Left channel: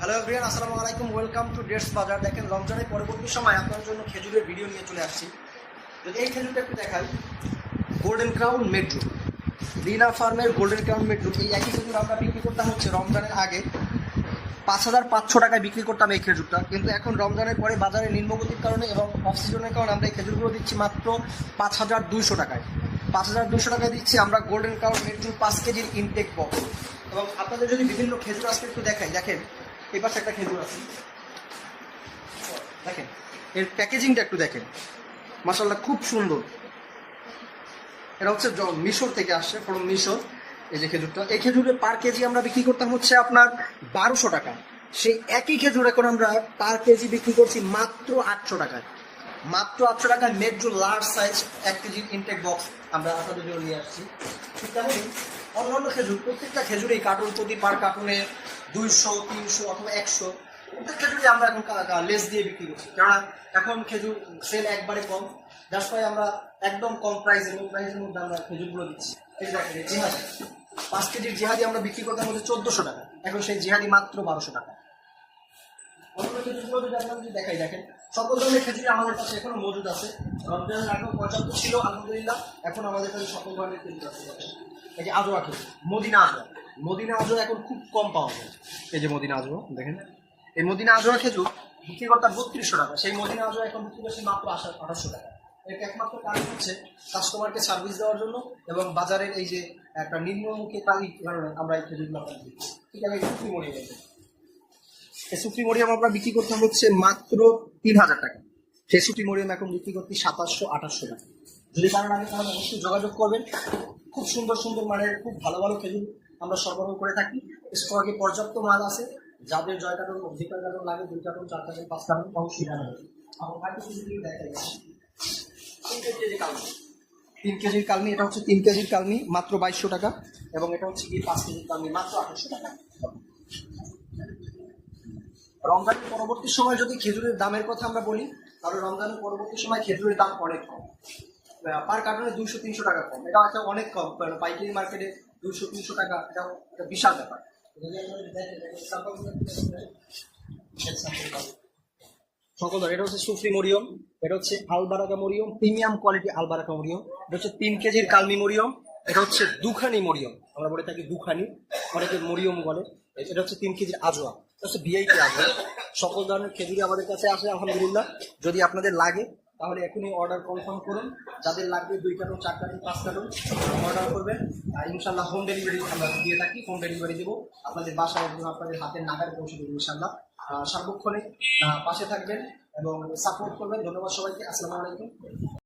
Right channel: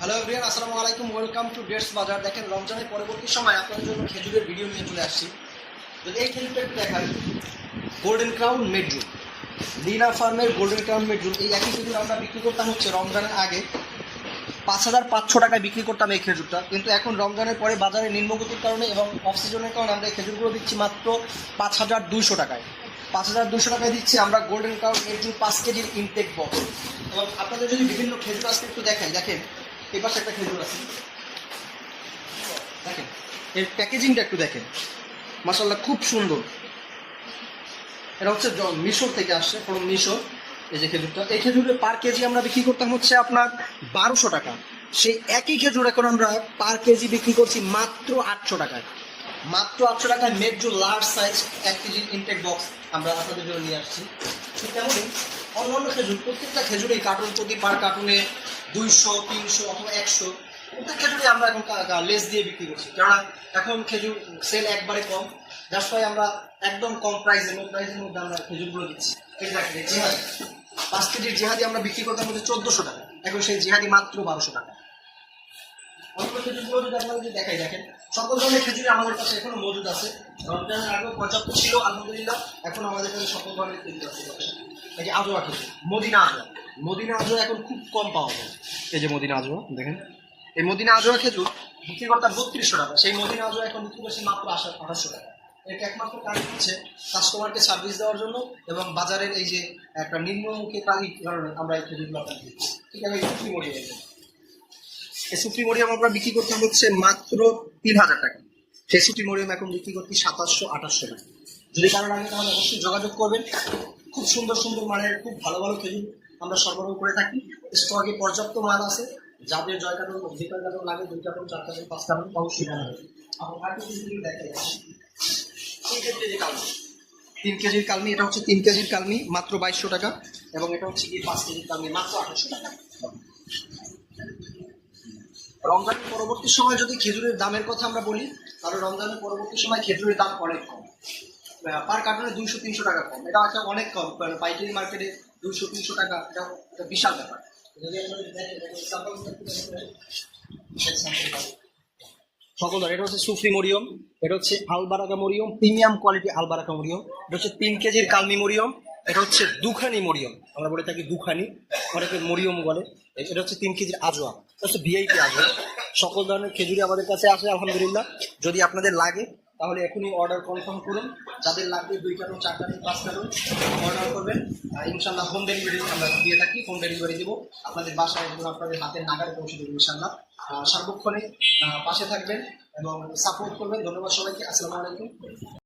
Hello everyone, আসসালামু আলাইকুম। Welcome to dates বাজার। দেখেন, রমজানের পরবর্তী সময় আপনাদের জন্য খেজুরের ভিডিও নিয়ে চলে আসছি। যদি এই খেজুরটা একটু দেখাই, গোল্ডেন ক্রাউন মেডজুল, লিনা ফার্মের গোল্ডেন ক্রাউন মেডজুল। এই একই খেজুর আমরা বিক্রি করতাম হচ্ছে রমজানের আগে 5,500 টাকায় বিক্রি করতাম এই খেজুরটা, কিন্তু এখন রমজানের পরে বাজারে নিম্নগতির কারণে এবং অফ সিজনের কারণে আমরা এই খেজুরগুলো দিচ্ছি মাত্র 5,200 টাকায়। 5,200 টাকায় দিচ্ছি আমরা গোল্ডেন ক্রাউন মেডজুল 5 কেজির ইনটেক বক্স। এবং আপনাদের যদি বিভিন্ন খেজুর আজকে একটু দেখাই, দেখেন এই পাশে একটা খেজুর আছে, দেখেন এর প্যাকেজিংটা একটু দেখেন, মাশাআল্লাহ খুব সুন্দর। এটা হচ্ছে মিশর থেকে আসছে, ফ্রম মিশর। এই যে খেজুরটা, এই খেজুরের পার কেজি আমরা বিক্রি করতাম হচ্ছে আপনার 1200 টাকা। সেই একই খেজুর এখন আমরা পার কেজি বিক্রি করছি মাত্র 800 টাকায়। মাত্র 800 টাকায় মেডজুল লার্জ সাইজ 1 কেজির ইনটেক বক্স আমরা আপনাদের জন্য নিয়ে আসছি। ঠিক তেমনই অন্যান্য খেজুর, প্রত্যেকটা খেজুরেই কার্টুন প্রতি পার কার্টুনে 200, 300 অথবা 100 প্রত্যেক খেজুরই আমরা এখন লেস দিয়ে বিক্রি করছি, কেননা এখন খেজুর সেল একবারে কম। দ্যাটস ওয়াই আমরা একদম কম প্রাইসের মধ্যে আমরা খেজুরগুলো দিচ্ছি। এই দেখেন জিহাদি 5 কেজির জিহাদি আমরা বিক্রি করতাম হচ্ছে 1400 টাকা, এখন সেই জিহাদি মাত্র 1200 টাকা। অন্য খেজুরগুলো যদি আপনারা যদি দেখাই, দেখেন সকল ধরনের খেজুরই আমাদের কাছে এখনো মজুদ আছে। রমজানের আগেও পর্যাপ্ত ছিল, আলহামদুলিল্লাহ। এখন আমাদের কাছে সকল ধরনের খেজুর আছে। এই যে আজোয়া খেজুর, মদিনা আজোয়া এখন খুব কম পাওয়া যায়। এই যে মদিনা আজোয়া দেখেন, এই মদিনা আজোয়া খেজুর বিক্রি করতাম 3200 টাকা, সেই মদিনা আজোয়া এখন বিক্রি করছি মাত্র 2800 টাকা। এটা একমাত্র কারণ হচ্ছে কাস্টমারকে সার্ভিস দেওয়ার জন্য এবং বাজারের এই যে একটা নিম্নমুখী তালিক কারণে আমরা এই খেজুরগুলো দিচ্ছি। ঠিক আছে, এই সুপ্রিমোরিয়াম আমরা বিক্রি করতাম হচ্ছে মাত্র 3000 টাকা, সেই সুপ্রিমোরিয়াম এখন বিক্রি করছি 2700-2800 টাকা। যদি কারণ আগে তাহলে অবশ্যই যোগাযোগ করবেন। খুব সুন্দর সুন্দর মানের খুব ভালো ভালো খেজুর আমরা সরবরাহ করে থাকি। স্টকে পর্যাপ্ত মাল আছে, যাদের 6 কার্টন 2 কার্টন লাগে, 2 কার্টন 4 কার্টন 5 কার্টন অবশ্যই জানাবেন। আমার দেখাই 3 কেজির কালমি, এটা হচ্ছে 3 কেজির কালমি মাত্র 2200 টাকা, এবং এটা হচ্ছে 5 কেজির কালমি মাত্র 800 টাকা। রমজানের পরবর্তী সময় যদি খেজুরের দামের কথা আমরা বলি, তাহলে রমজানের পরবর্তী সময় খেজুরের দাম অনেক কম, পার কার্টনে 200-300 টাকা কম। এটা একটা অনেক কম, পাইকারি মার্কেটে 200-300 টাকা, এটা একটা বিশাল ব্যাপার। সকল এটা হচ্ছে সুফি মরিয়ম, এটা হচ্ছে আলবারাকা মরিয়ম, প্রিমিয়াম কোয়ালিটি আলবারাকা মরিয়ম। এটা হচ্ছে 3 কেজির কালমি মরিয়ম। এটা হচ্ছে দুখানি মরিয়ম, আমরা বলে থাকি দুখানি, অনেকে মরিয়ম বলে। এটা হচ্ছে 3 কেজির আজোয়া, এটা হচ্ছে ভিআইপি আজোয়া। সকল ধরনের খেজুরি আমাদের কাছে আসে আলহামদুলিল্লাহ। যদি আপনাদের লাগে তাহলে এখনই অর্ডার কনফার্ম করুন। যাদের লাগবে 2 কার্টন 4 কার্টন 5 কার্টন অর্ডার করবেন, ইনশাল্লাহ হোম ডেলিভারি আমরা দিয়ে থাকি। হোম ডেলিভারি দেবো আপনাদের বাসায় এবং আপনাদের হাতের নাগারে পৌঁছে দেবো ইনশাল্লাহ। সার্বক্ষণিক পাশে থাকবেন এবং সাপোর্ট করবেন। ধন্যবাদ সবাইকে, আসসালামু আলাইকুম।